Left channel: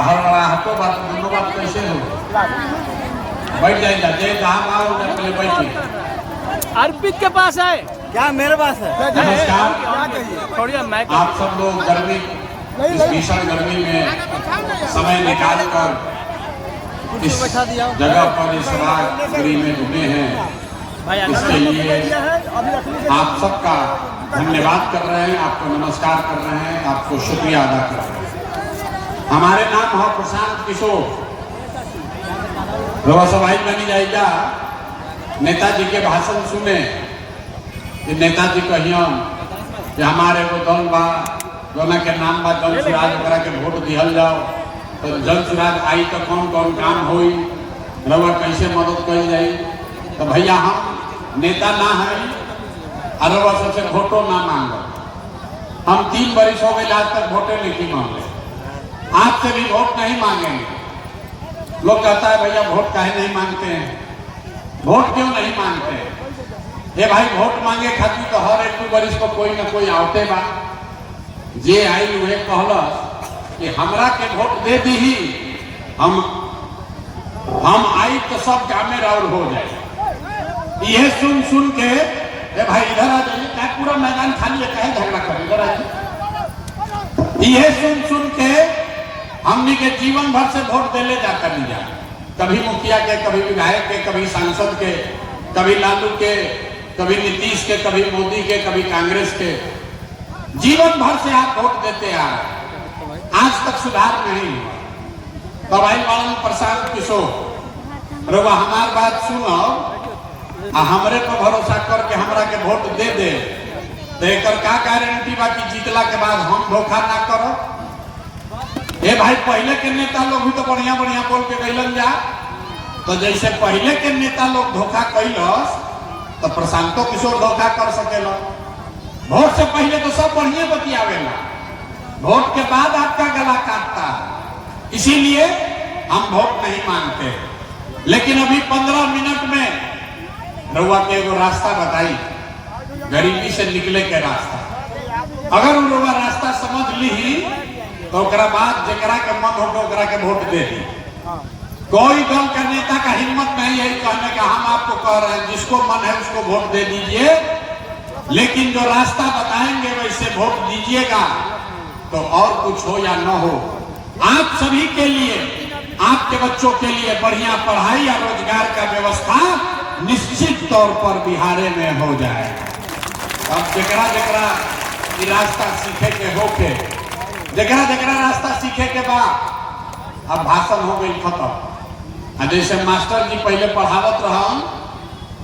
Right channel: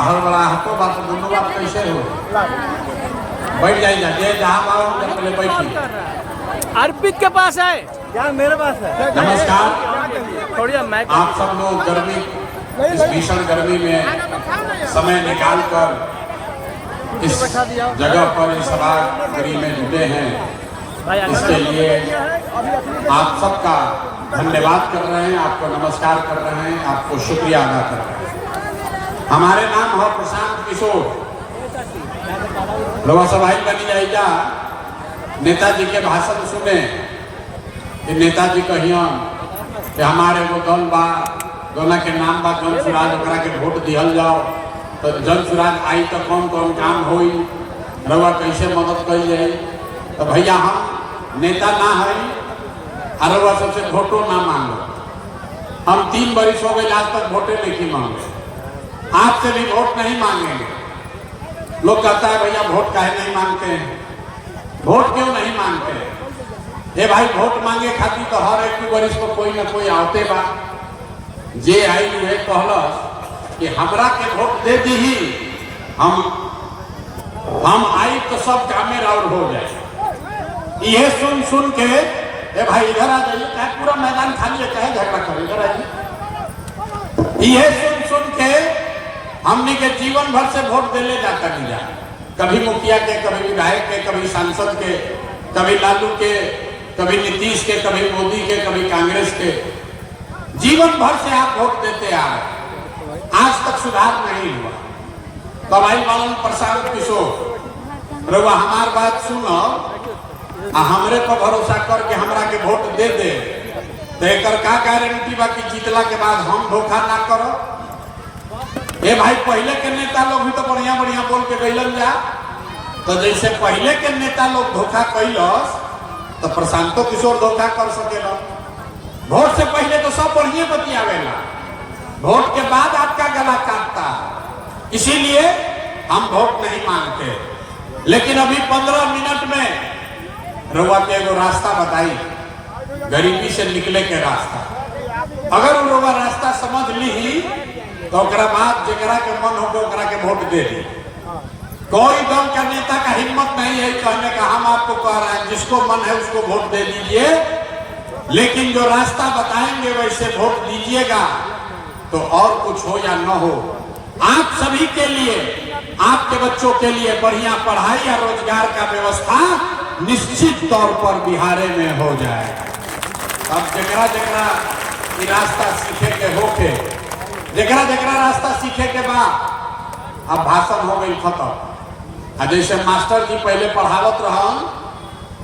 हड़बड़ाहटो बात दोनों बात कैसे हो बैठ जाइए जाते जहाँ पाओ पहले बैठिए। अर्पित के पास है क्या मेरे पास है? नमस्कार। थोड़ी मैं आप सब लोग गर्मी इस भीषण गर्मी में समय निकाल कर इस जगह पर इस सभागृह में जुटे हैं, भाई इसके लिए आप सबका धन्यवाद कर रहे हैं, आपको नमस्कार कर रहे हैं, आपको शुक्रिया अदा कर रहे हैं। हमारे नाम है प्रशांत किशोर। लोग सभाई बनी जाएगा नेताजी के भाषण सुने, नेताजी कहिए कि हमारे वो दल बा दोना के नाम बा जन सुराज करा के वोट दिहल जाओ, तो जन सुराज आई तो कौन कौन काम हुई, रवा कैसे मदद करी जाए। तो भैया हम नेता ना है और रवा सबसे वोटो ना मांगो। हम 3 वर्ष हो गए आज तक वोटे नहीं मांगे, आपसे भी वोट नहीं मांगेंगे। लोग कहता है भैया वोट काहे नहीं मांगते हैं, वोट क्यों नहीं मांगते? ये भाई वोट मांगे खातिर तो हर एक वर्ष को कोई ना कोई आते बा जे आई है कहलस कि हमरा के वोट दे दी ही हम आई तो सब कामे और हो जाए। यह सुन के ए भाई इधर आ जाइए, क्या पूरा मैदान खाली है, कहे झगड़ा करे, इधर आइए। यह सुन के हमने के जीवन भर से वोट देले जाता दिया, कभी मुखिया के, कभी विधायक के, कभी सांसद के, कभी लालू के, कभी नीतीश के, कभी मोदी के, कभी कांग्रेस के। जीवन भर से आप वोट देते आ रहे, आज तक सुधार नहीं हुआ। तो भाई मान प्रशांत किशोर रवा हमार बात सुनो, हमरे पर भरोसा करके हमरा के वोट दे दे, देकर का गारंटी बा कि जीतला के बाद हम धोखा ना करो। ये भाई पहले के नेता लोग भी तो बढ़िया बढ़िया बोल के गइलन जा, तो जैसे पहले के नेता लोग धोखा कैलस तो प्रशांतो किशोर धोखा कर सकेलो। वोट से पहले तो सब बढ़िया बतियावेला, वोट के बाद आपका गला काटता। इसीलिए हम वोट नहीं मांगते। लेकिन अभी 15 मिनट में रउआ के एगो रास्ता बताई, गरीबी से निकले के रास्ता। अगर रउआ रास्ता समझ ली तो बाद जगरा के मन होगा ओकरा के वोट दे दी। कोई दल का नेता का हिम्मत नहीं है कहने का हम आपको कह रहे हैं, जिसको मन है उसको वोट दे दीजिए, लेकिन जो रास्ता बताएंगे वैसे वोट दीजिएगा। तो और कुछ हो या न हो, आप सभी के लिए, आपके बच्चों के लिए बढ़िया पढ़ाई और रोजगार का व्यवस्था निश्चित तौर पर बिहार में हो जाए। अब जगरा रास्ता सीखे के होके, जगरा रास्ता सीखे के बाद अब भाषण हो गई खत्म। जैसे मास्टर जी पहले पढ़ावत रहा,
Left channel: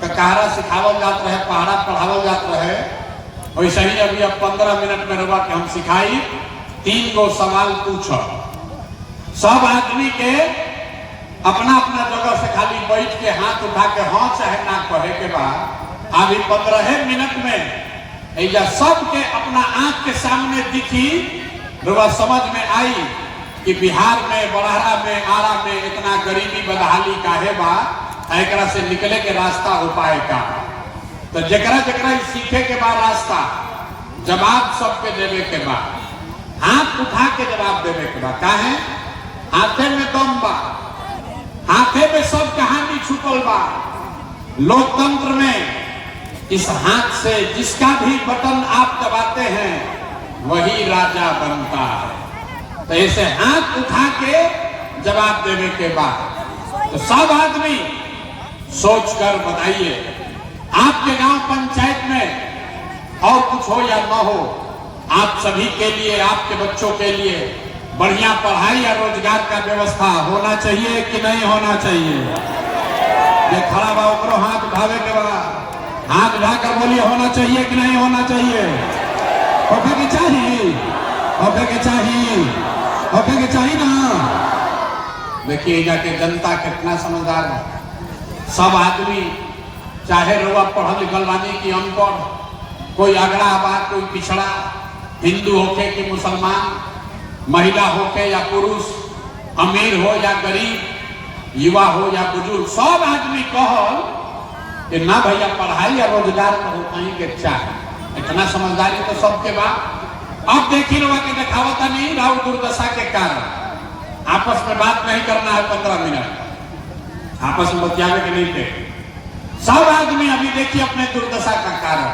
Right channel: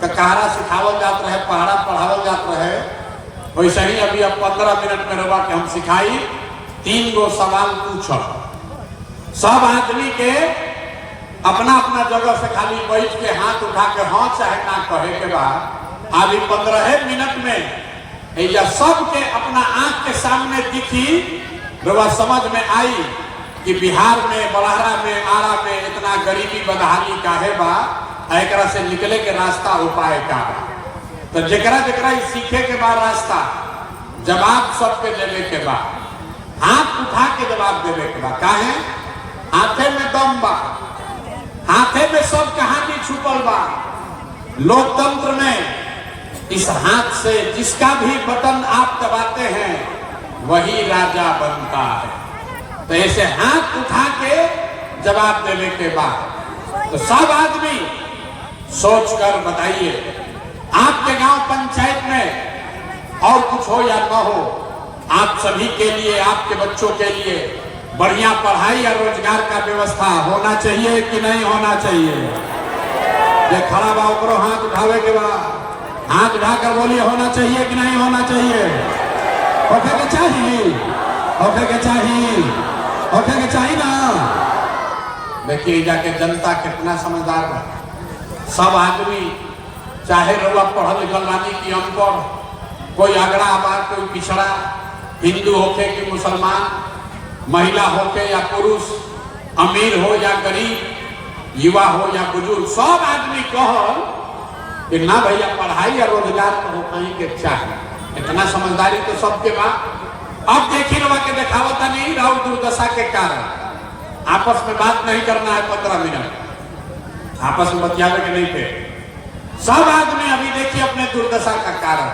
कहरा सिखावल जात रहे, पहाड़ा पढ़ावल जात रहे, वैसे ही अभी अब 15 मिनट में रवा के हम सिखाई। 3 गो सवाल पूछो, सब आदमी के अपना अपना जगह से खाली बैठ के हाथ उठा के हाँ चाहे ना कहे के बाद अभी 15 मिनट में सबके अपना आंख के सामने दिखी, रवा समझ में आई कि बिहार में, बड़हरा में, आरा में इतना गरीबी बदहाली का है बा, एकरा से निकले के रास्ता उपाय का। तो जकरा सीखे के बाद रास्ता जवाब सबके देवे के बाद, हाथ उठा के जवाब देवे के बाद, काहे हाथे में दम बा, हाथे में सब कहानी छुपल बा। लोकतंत्र में इस हाथ से जिसका भी बटन आप दबाते हैं वही राजा बनता है। तो ऐसे हाथ उठा के जवाब देने के बाद तो सब आदमी सोचकर बताइए, आपके गांव पंचायत में और कुछ हो या ना हो, आप सभी के लिए, आपके बच्चों के लिए बढ़िया पढ़ाई और रोजगार का व्यवस्था होना चाहिए कि नहीं होना चाहिए? ये खड़ा बा ऊपर हाथ उठावे के बाद हाथ उठाकर बोलिए, होना चाहिए कि नहीं होना चाहिए? होके के चाहिए, होके के चाहिए, होके के चाहिए ना। देखिए जाके जनता कितना समझदार है। सब आदमी चाहे लोग पढ़ल लिखल बानी कि अनपढ़, कोई अगड़ा बा, कोई पिछड़ा, हिंदू होके कि मुसलमान, महिला होके या पुरुष, अमीर हो या गरीब, युवा हो या बुजुर्ग, सब आदमी कहो कि ना भैया पढ़ाई या रोजगार तो कहीं के चाहे। इतना समझदारी तो सबके बाद। अब देखिए रवा के देखावता नहीं राहुल दुर्दशा के कारण आपस में बात नहीं करना है 15 मिनट, आपस में बतियाने के नहीं थे। सब आदमी अभी देखिए अपने दुर्दशा का कारण,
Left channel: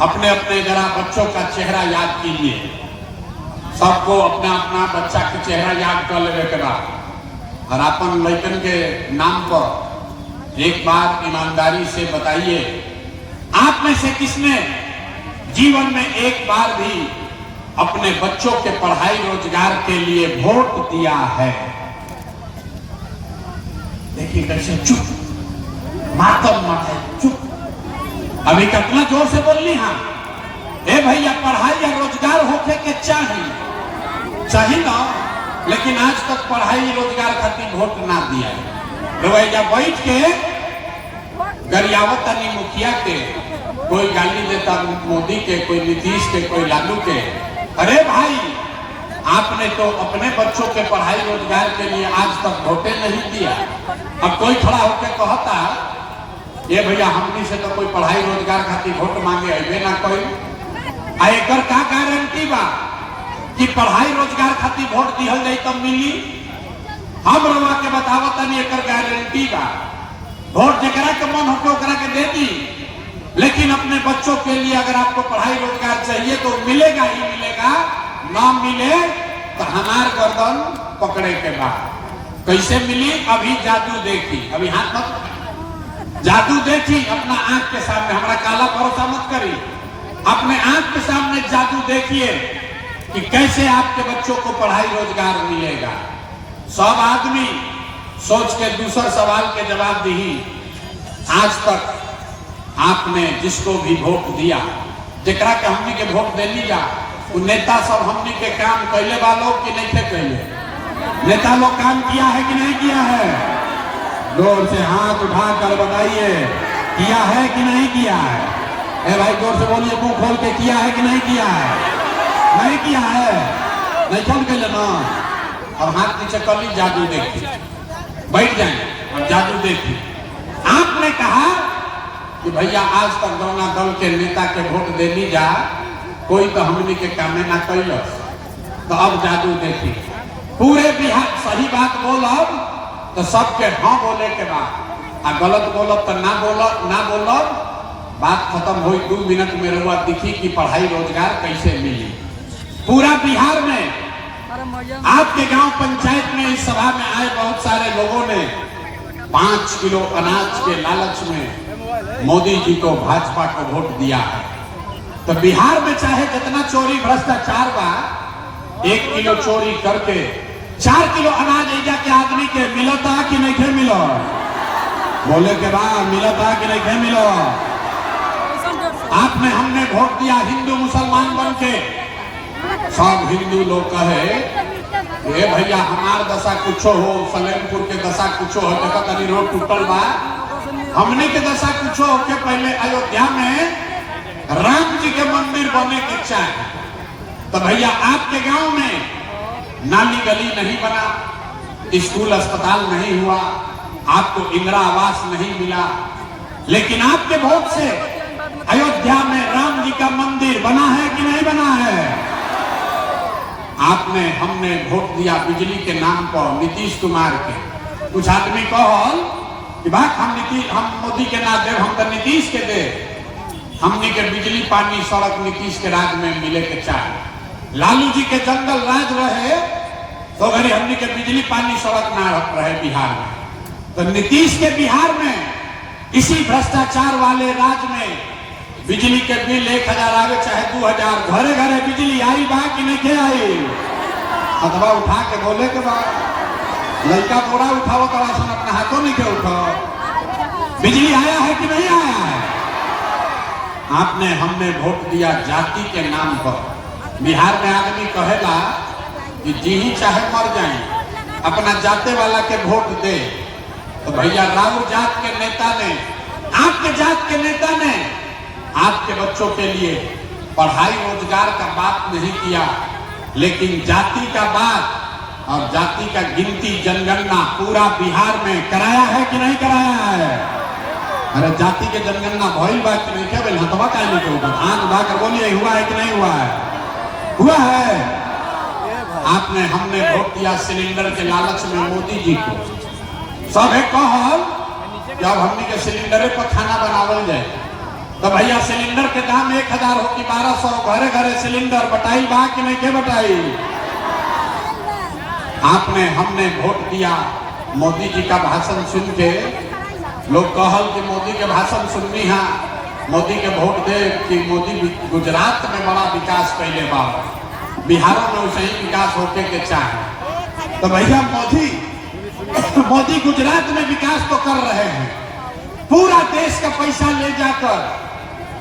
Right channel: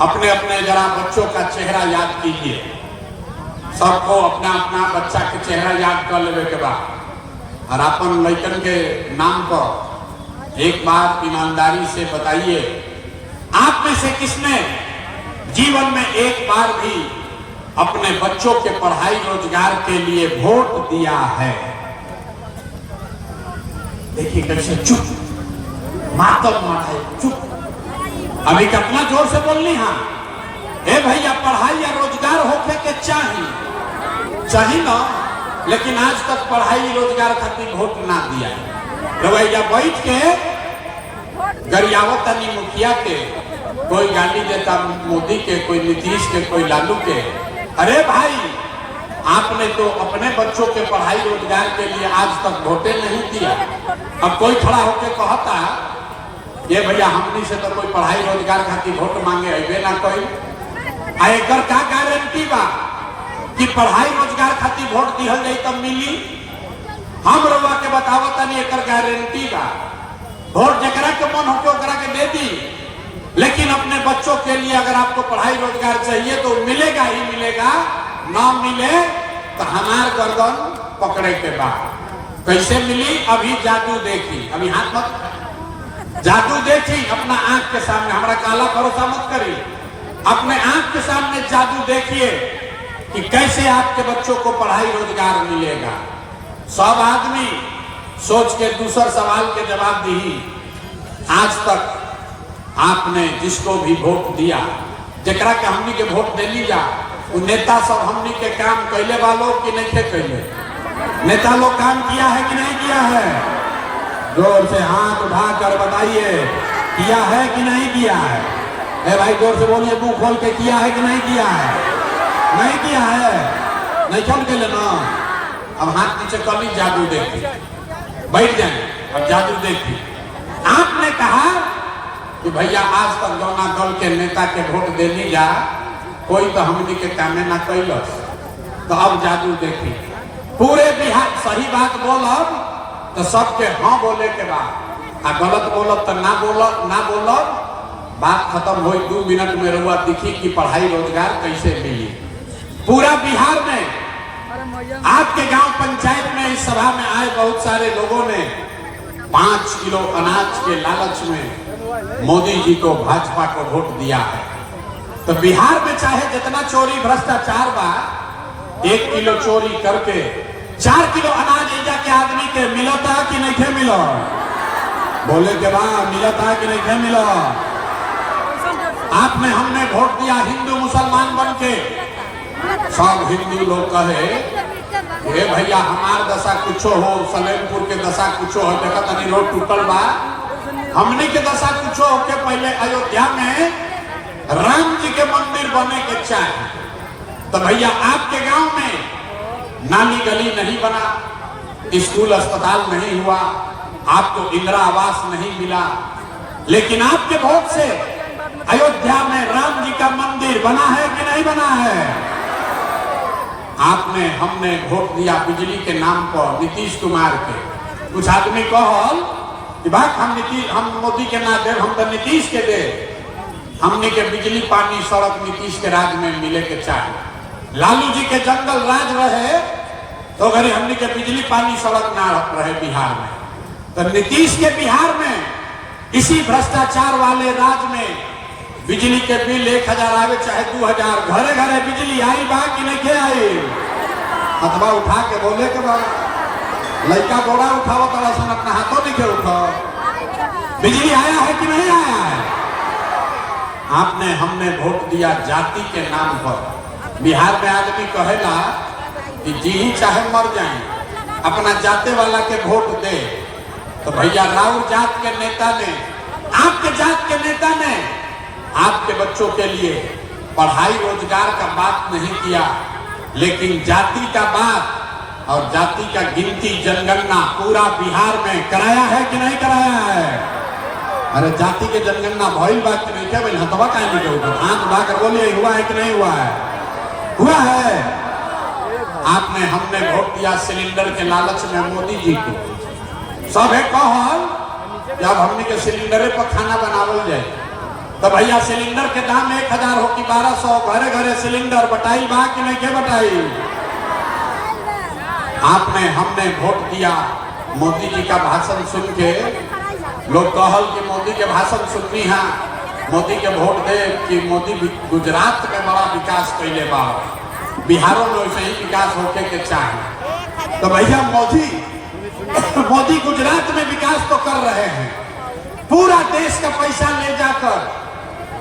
अपने अपने जरा बच्चों का चेहरा याद कीजिए। सबको अपना अपना बच्चा के चेहरा याद कर लेवे के बाद और अपन लड़कन के नाम पर एक बार ईमानदारी से बताइए, आप में से किसने जीवन में एक बार भी अपने बच्चों के पढ़ाई रोजगार के लिए वोट दिया है? देखिए कैसे चुप, मातम मनाए, चुप। अभी कितना जोर से बोलनी, हाँ ए भैया पढ़ाई या रोजगार होके के चाहिए ना, लेकिन आज तक पढ़ाई रोजगार खातिर वोट ना दिया। रवैया बैठ के गरियावत अली मुखिया के, कोई गाली देता मोदी के, कोई नीतीश के, कोई लालू के। अरे भाई आपने तो अपने बच्चों के पढ़ाई रोजगार के लिए आज तक वोटे नहीं दिया। अब कोई खड़ा होकर कहता ये भैया हमनी से तो कोई पढ़ाई रोजगार खातिर वोट मांगे अबे ना कोई, एकर का गारंटी बा कि पढ़ाई रोजगार खातिर वोट दिहल जाई तब मिली? हम रउआ के बतावत नहीं एकर गारंटी बा। वोट जकरा के मन होके ओकरा के दे दी, लेकिन अपने बच्चों के लिए अगर आपको पढ़ाई रोजगार चाहिए तो मिलेगा ही मिलेगा, ना मिले तो हमार गर्दन पकड़े के बाद। कैसे मिली? अभी जादू देखी, अभी हाथ मत, जादू देखी अपना आंख के सामने, हमारा काला भरोसा मत करी, अपने आंख के सामने जादू देखिए कि कैसे आपके बच्चों को पढ़ाई रोजगार मिलेगा। सब आदमी सोच के दूसरा सवाल के जवाब दी। आज तक आपने जिसको भी वोट दिया, जकरा के हमनी के वोट दे लीजा, वो नेता सब हमनी के काम कैले वालों कि नहीं थे कैले? नेता लोग काम किया है कि नहीं किया है? जोर से हाथ उठाकर बताइए, किया है कि नहीं किया है? ए भाई जोर से बोलिए, मुंह खोल के किया है कि नहीं किया है? नहीं किया है, नहीं चल के लेना। अब हाथ नीचे कर ली, जादू देखी, बैठ जाए, जादू देखी। आपने कहा कि भैया आज तक दोना दल के नेता के वोट दे ली जा, कोई तो हमनी के कामे ना कैलस, तो अब जादू देखी। पूरे बिहार सही बात बोलब तो सबके हाँ बोले के बाद, आ गलत बोलब तो ना बोलब, बात खत्म हुई। 2 मिनट में रुआ दिखी कि पढ़ाई रोजगार कैसे मिली पूरा बिहार में। आपके गांव पंचायत में इस सभा में आए बहुत सारे लोगों ने 5 किलो अनाज के लालच में मोदी जी को, भाजपा को वोट दिया है। तो बिहार में चाहे जितना चोरी भ्रष्टाचार बा, 1 किलो चोरी करके 4 किलो अनाज ऐजा के आदमी के मिलता कि नहीं थे मिला? बोले के बाद मिलता कि नहीं थे मिला? आपने हमने वोट दिया हिंदू मुसलमान बन के। सब हिंदू लोग कहे ये भैया हमार दशा कुछो हो, सलेमपुर के दशा कुछो हो, देखा तनी रोड टूटल बा, हमने के दशा कुछो हो के पहले अयोध्या में राम जी के मंदिर बने के चाहे। तो भैया आपके गांव में नाली गली नहीं बना, स्कूल अस्पताल नहीं हुआ, आपको इंदिरा आवास नहीं मिला, लेकिन आपके वोट से अयोध्या में राम जी का मंदिर बना है कि नहीं बना है? आपने हमने वोट दिया बिजली के नाम पर नीतीश कुमार के। कुछ आदमी कहल कि बात हम मोदी के ना दे, हम तो नीतीश के दे। हमने के बिजली पानी सड़क नीतीश के राज में मिले के चाहे। लालू जी के जंगल राज रहे तो अगर हमने के बिजली पानी सड़क ना रहे बिहार में, तो नीतीश के बिहार में इसी भ्रष्टाचार वाले राज में बिजली के बिल 1000 आवे चाहे 2000, घरे घरे बिजली आई बा कि नहीं थे आई? अथवा उठा के बोले के बाद लड़का बोरा उठाओ तो अपना हाथों नहीं के उठाओ। बिजली आया है कि नहीं आया है? आपने हमने वोट दिया जाति के नाम पर। बिहार में आदमी कहेला कि जी ही चाहे मर जाए, अपना जाते वाला के वोट दे। तो भैया राउर जात के नेता ने, आपके जात के नेता ने आपके बच्चों के लिए पढ़ाई रोजगार का बात नहीं किया, लेकिन जाति का बात और जाति का गिनती जनगणना पूरा बिहार में कराया है कि नहीं कराया है? अरे जाति के जनगणना भइल बा कि नहीं? क्या बोले हथवा का नहीं करोगे? हाथ उठा कर बोलिए हुआ है कि नहीं हुआ है? हुआ है। आपने हमने वोट दिया सिलेंडर के लालच में मोदी जी को। सब है कहल जब हमने के सिलेंडर पर खाना बनावल जाए तो भैया सिलेंडर के दाम 1000 हो कि 1200, घरे घरे सिलेंडर बटाई बा कि नहीं के बटाई। आपने हमने वोट दिया मोदी जी का भाषण सुन के लोग कहल कि मोदी के भाषण सुननी है, मोदी के वोट दे कि मोदी गुजरात में बड़ा विकास कैले बा, बिहारों में वैसे ही विकास होने के चाहे। तो भैया मोदी गुजरात में विकास तो कर रहे हैं, पूरा देश का पैसा ले जाकर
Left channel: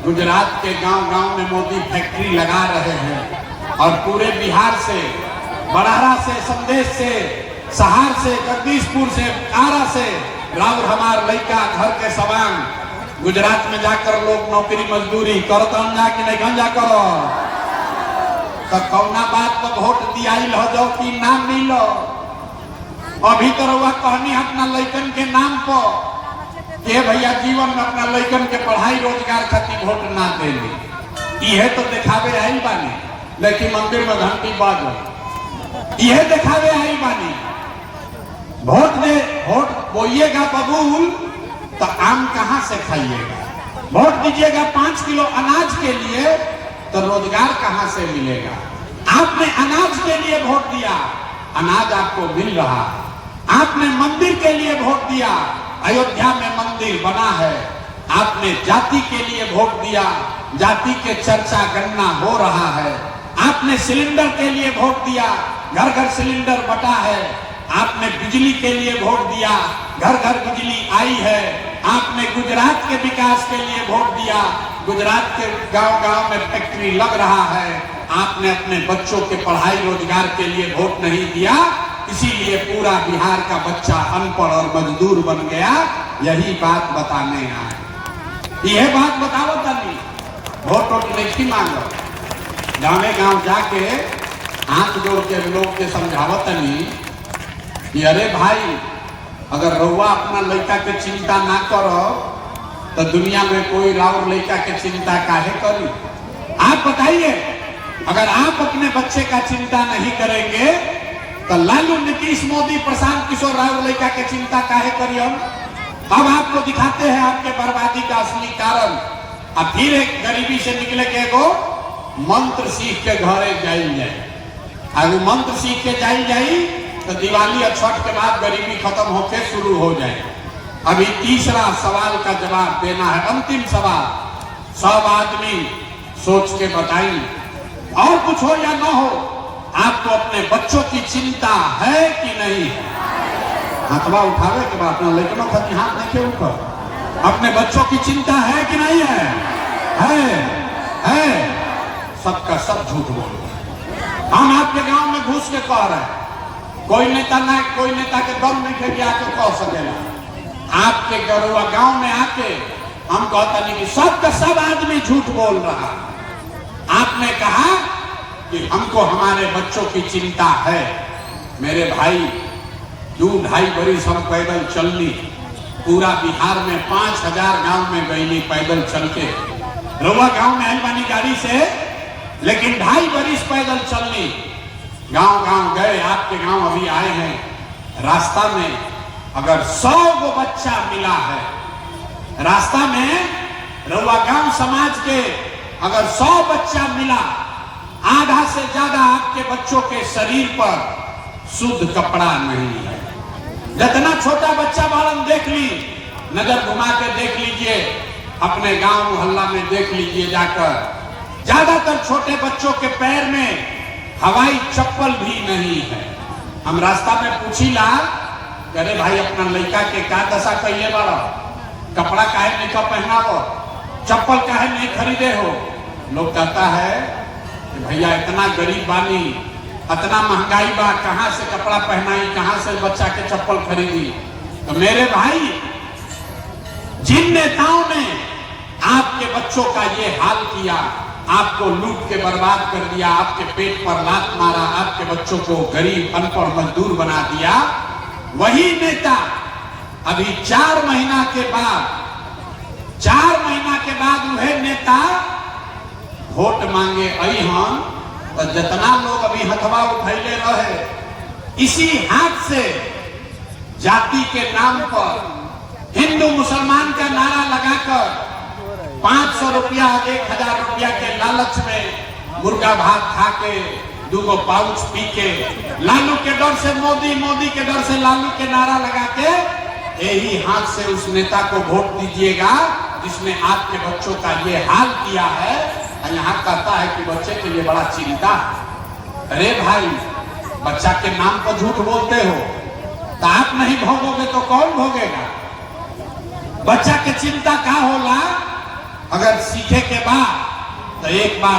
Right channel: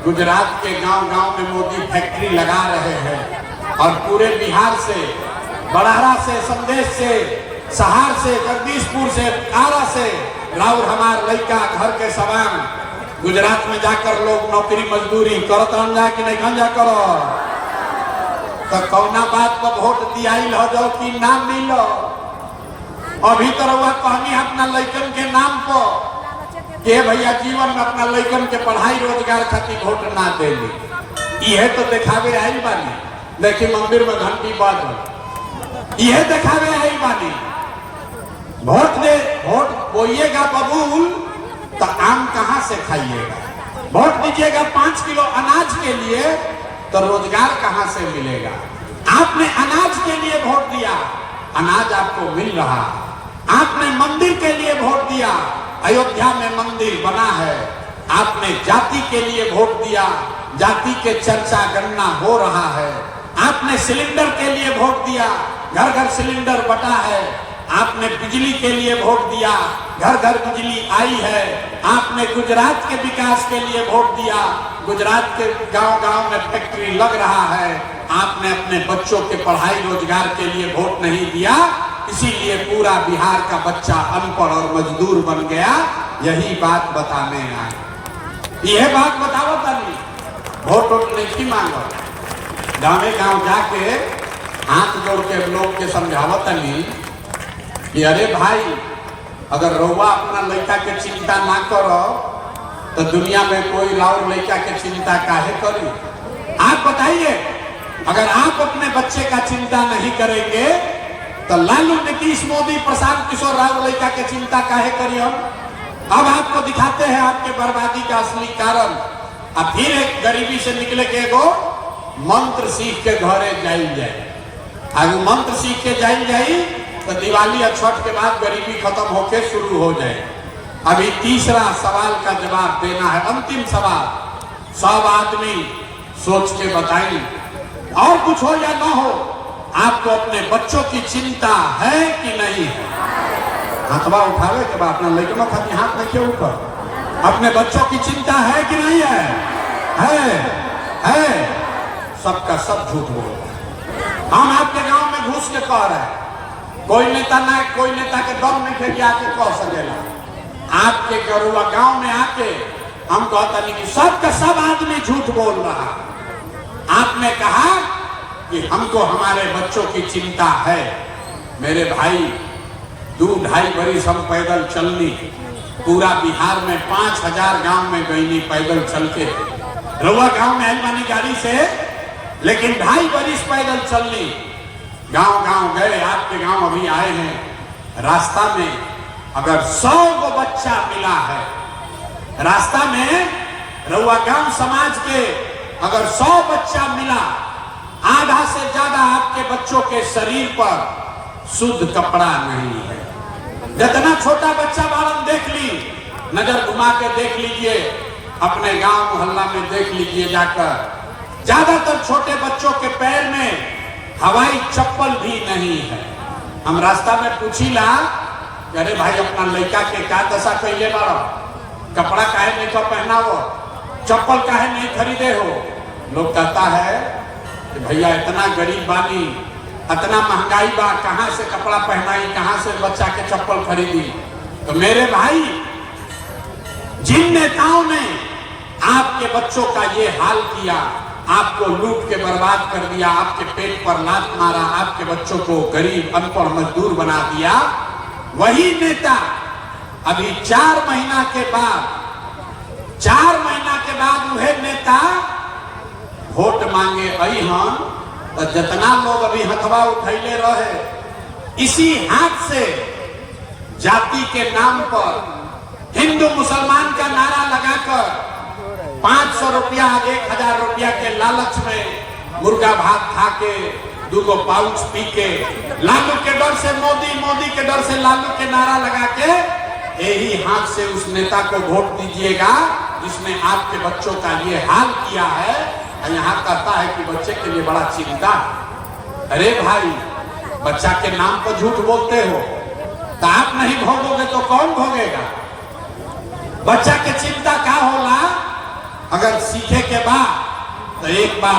गुजरात के गांव-गांव में मोदी फैक्ट्री लगा रहे हैं और पूरे बिहार से, बड़ारा से, संदेश से, सहार से, जगदीशपुर से, आरा से राउर हमार लड़का घर के सवांग गुजरात में जाकर लोग नौकरी मजदूरी करता जाके नहीं जा करो तो कौना बात पर वोट दियाइल हो जाओ कि नाम मिलो। अभी तो वह कहनी अपना लड़कन के नाम पर के भैया जीवन में अपना लड़कन के पढ़ाई रोजगार खातिर वोट ना देली, यह तो दिखावे है ही बानी, लेकिन मंदिर में घंटी बाज यह दिखावे है ही बानी। वोट दे, वोट बोइएगा बबूल तो आम कहां से खाइएगा, वोट दीजिएगा 5 किलो अनाज के लिए तो रोजगार कहां से मिलेगा। आपने अनाज के लिए वोट दिया, अनाज आपको मिल रहा। आपने मंदिर के लिए वोट दिया, अयोध्या में मंदिर बना है। आपने जाति के लिए वोट दिया, जाति के चर्चा गणना हो रहा है। आपने सिलेंडर के लिए वोट दिया, घर घर सिलेंडर बटा है। आपने बिजली के लिए वोट दिया, घर घर बिजली आई है। आपने गुजरात के विकास के लिए वोट दिया, गुजरात के गांव-गांव में फैक्ट्री लग रहा है। आपने अपने बच्चों के पढ़ाई रोजगार के लिए वोट नहीं दिया, इसीलिए पूरा बिहार का बच्चा अनपढ़ और मजदूर बन गया। यही बात बताने आए, यह बात बताओ तनी वोट नहीं मांगो। गाँव जाके हाथ जोड़ के लोग के समझावत तनी कि अरे भाई, अगर रउआ अपना लड़का के चिंता ना करो तो दुनिया में कोई राउर लड़का के चिंता काहे करी। आप बताइए, अगर आप अपने बच्चे का चिंता नहीं करेंगे तो लालू, नीतीश, मोदी, प्रशांत किशोर राउर लड़का के चिंता काहे करिए। अब आपको दिखाते हैं आपके बर्बादी का असली कारण। अब फिर एक गरीबी से निकले के वो मंत्र सीख के घरे जाए, अगर मंत्र सीख के जाई तो दिवाली और छठ के बाद गरीबी खत्म होके शुरू हो जाए। अभी तीसरा सवाल का जवाब देना है, अंतिम सवाल। सब आदमी सोच के बताई, और कुछ हो या ना हो, आपको अपने बच्चों की चिंता है कि नहीं है। हथवा उठावे के बाद अपने लड़कियों का हाथ रखे ऊपर, अपने बच्चों की चिंता है कि नहीं है? है। सबका सब झूठ बोल। हम आपके गांव में घुस के कह रहे हैं, कोई नेता ना, कोई नेता के दम नहीं थे कि आके कह सकेला। आपके गरुआ गांव में आके हम कहता नहीं कि सबका सब आदमी झूठ बोल रहा। आपने कहा कि हमको हमारे बच्चों की चिंता है। मेरे भाई, 2-2.5 बरिस हम पैदल चलनी, पूरा बिहार में 5000 गांव में गईली पैदल चल के। रउआ गांव में हलवानी गाड़ी से, लेकिन 2.5 बरिस पैदल चलनी, गांव-गांव गए। आपके गांव अभी आए हैं, रास्ता में अगर 100 गो बच्चा मिला है, रास्ता में रउआ गांव समाज के अगर 100 बच्चा मिला, आधा से ज्यादा आपके बच्चों के शरीर पर शुद्ध कपड़ा नहीं है। जितना छोटा बच्चा बालम देख ली, नजर घुमा के देख लीजिए, अपने गांव मोहल्ला में देख लीजिए जाकर, ज्यादातर छोटे बच्चों के पैर में हवाई चप्पल भी नहीं है। हम रास्ता में पूछीला, अरे भाई अपना लड़का के का दशा कैले बाड़ा, कपड़ा काहे नहीं का पहना हो, चप्पल काहे नहीं खरीदे हो। लोग कहता है कि भैया इतना गरीब बानी, इतना महंगाई बा, कहां से कपड़ा पहनाई, कहां से बच्चा के चप्पल खरीदी। तो मेरे भाई, जिन नेताओं ने आपके बच्चों का ये हाल किया, आपको लूट के बर्बाद कर दिया, आपके पेट पर लात मारा, आपके बच्चों को गरीब अनपढ़ मजदूर बना दिया, वही नेता अभी 4 महीना के बाद वह नेता वोट मांगे आई हम तो जितना लोग अभी हथवा उठैले रहे, इसी हाथ से जाति के नाम पर हिंदू मुसलमान का नारा लगाकर 500 रुपया 1000 रुपया के लालच में मुर्गा भात खा के 2 पाउच पी के लालू के डर से मोदी, मोदी के डर से लालू के नारा लगा के यही हाथ से उस नेता को वोट दीजिएगा जिसने आपके बच्चों का ये हाल किया है। यहाँ कहता है कि बच्चे के लिए बड़ा चिंता है। अरे भाई, बच्चा के नाम पर झूठ बोलते हो तो आप नहीं भोगोगे तो कौन भोगेगा? बच्चा के चिंता क्या होला? अगर सीखे के बाद तो एक बार